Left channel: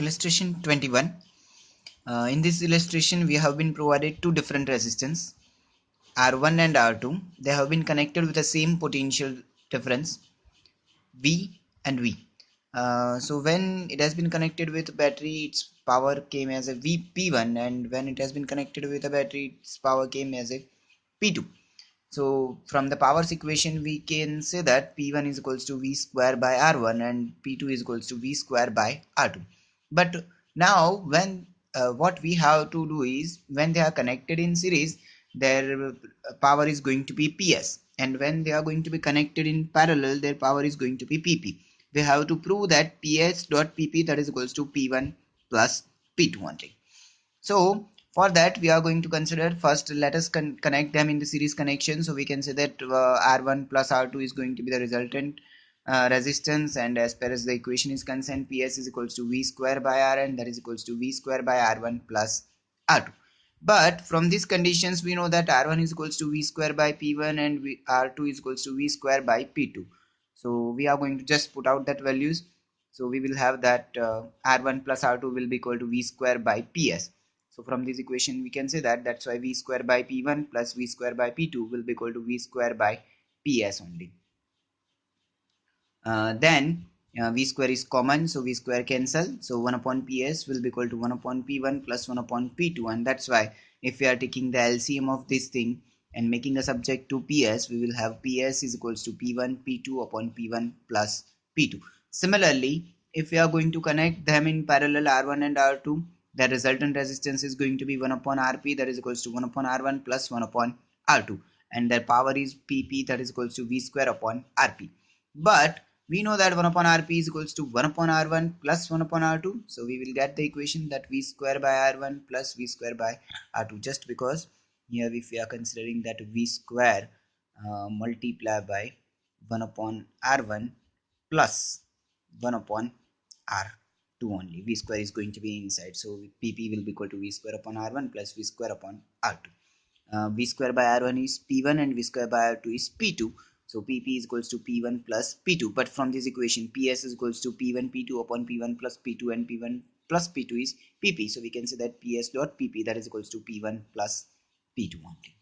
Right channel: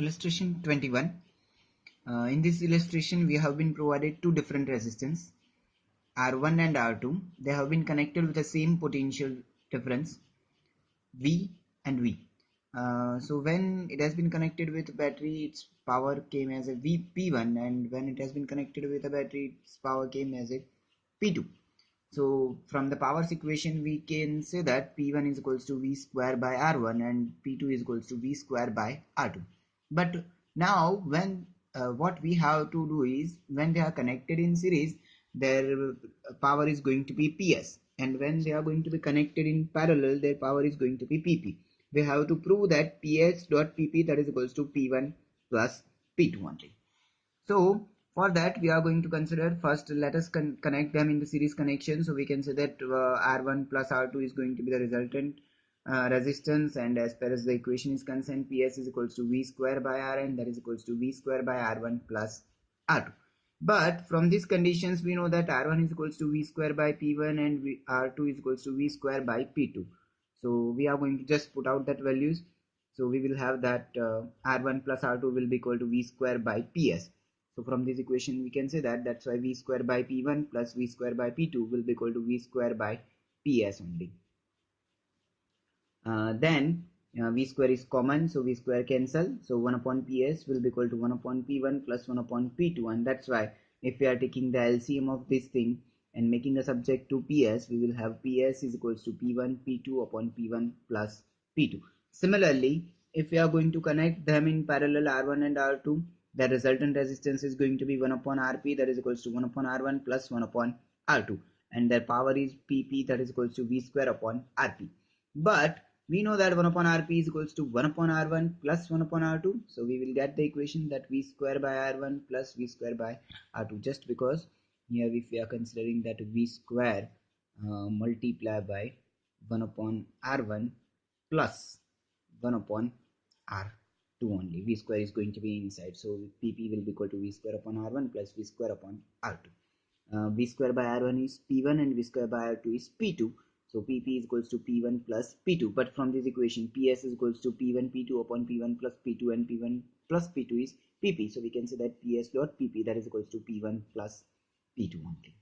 Illustration 21. In this illustration we have been provided two different resistance R1 and R2. They have been connected with the same potential difference V and V. So when it has been connected with battery, its power came as a P1, and when it has been connected with a battery, its power came as a P2. So from the powers equation we can say that P1 is equals to V square by R1 and P2 is equals to V square by R2. But now when what we have to do is, when they are connected in series, their power is going to be PS, and when they are going to be connected in parallel, their power is going to be PP. We have to prove that PS dot PP, that is equals to P1 plus P2 only. So for that we are going to consider, first let us connect them in the series connection. So we can say that R1 plus R2 is going to be the resultant resistance, and as per as the equation is concerned, PS is equals to V square by Rn, that is equals to V square by R1 plus R2. But from these conditions we know that R1 is equals to V square by P1 and R2 is equals to V square by P2. So we are going to just put out that values. So we will have that R1 plus R2 will be equal to V square by PS. So from this equation we can say that that's why V square by P1 plus V square by P2 will be equal to V square by PS only. Then V square is common, so V square cancel, so 1 upon PS will be equal to 1 upon P1 plus 1 upon P2, and that's why if we are taking the LCM of this thing and making a subject to PS, we will have PS is equals to P1 P2 upon P1 plus P2. Similarly, if we are going to connect them in parallel R1 and R2, the resultant resistance is going to be 1 upon Rp, that is equals to 1 upon R1 plus 1 upon R2, and their power is PP, that is equals to V square upon Rp. But we know that 1 upon Rp is equals to 1 upon R1 plus 1 upon R2. So we will get the equation that V square by R1 plus V square by R2, just because here if we are considering that V square multiply by 1 upon R1 plus 1 upon R2 only. V square is going to be inside, so PP will be equal to V square upon R1 plus V square upon R2. V square by R1 is P1 and V square by R2 is P2. So PP is equals to P1 plus P2. But from this equation, PS is equals to P1 P2 upon P1 plus P2, and P1 plus P2 is PP. So we can say that PS dot PP, that is equals to P1 plus P2 only.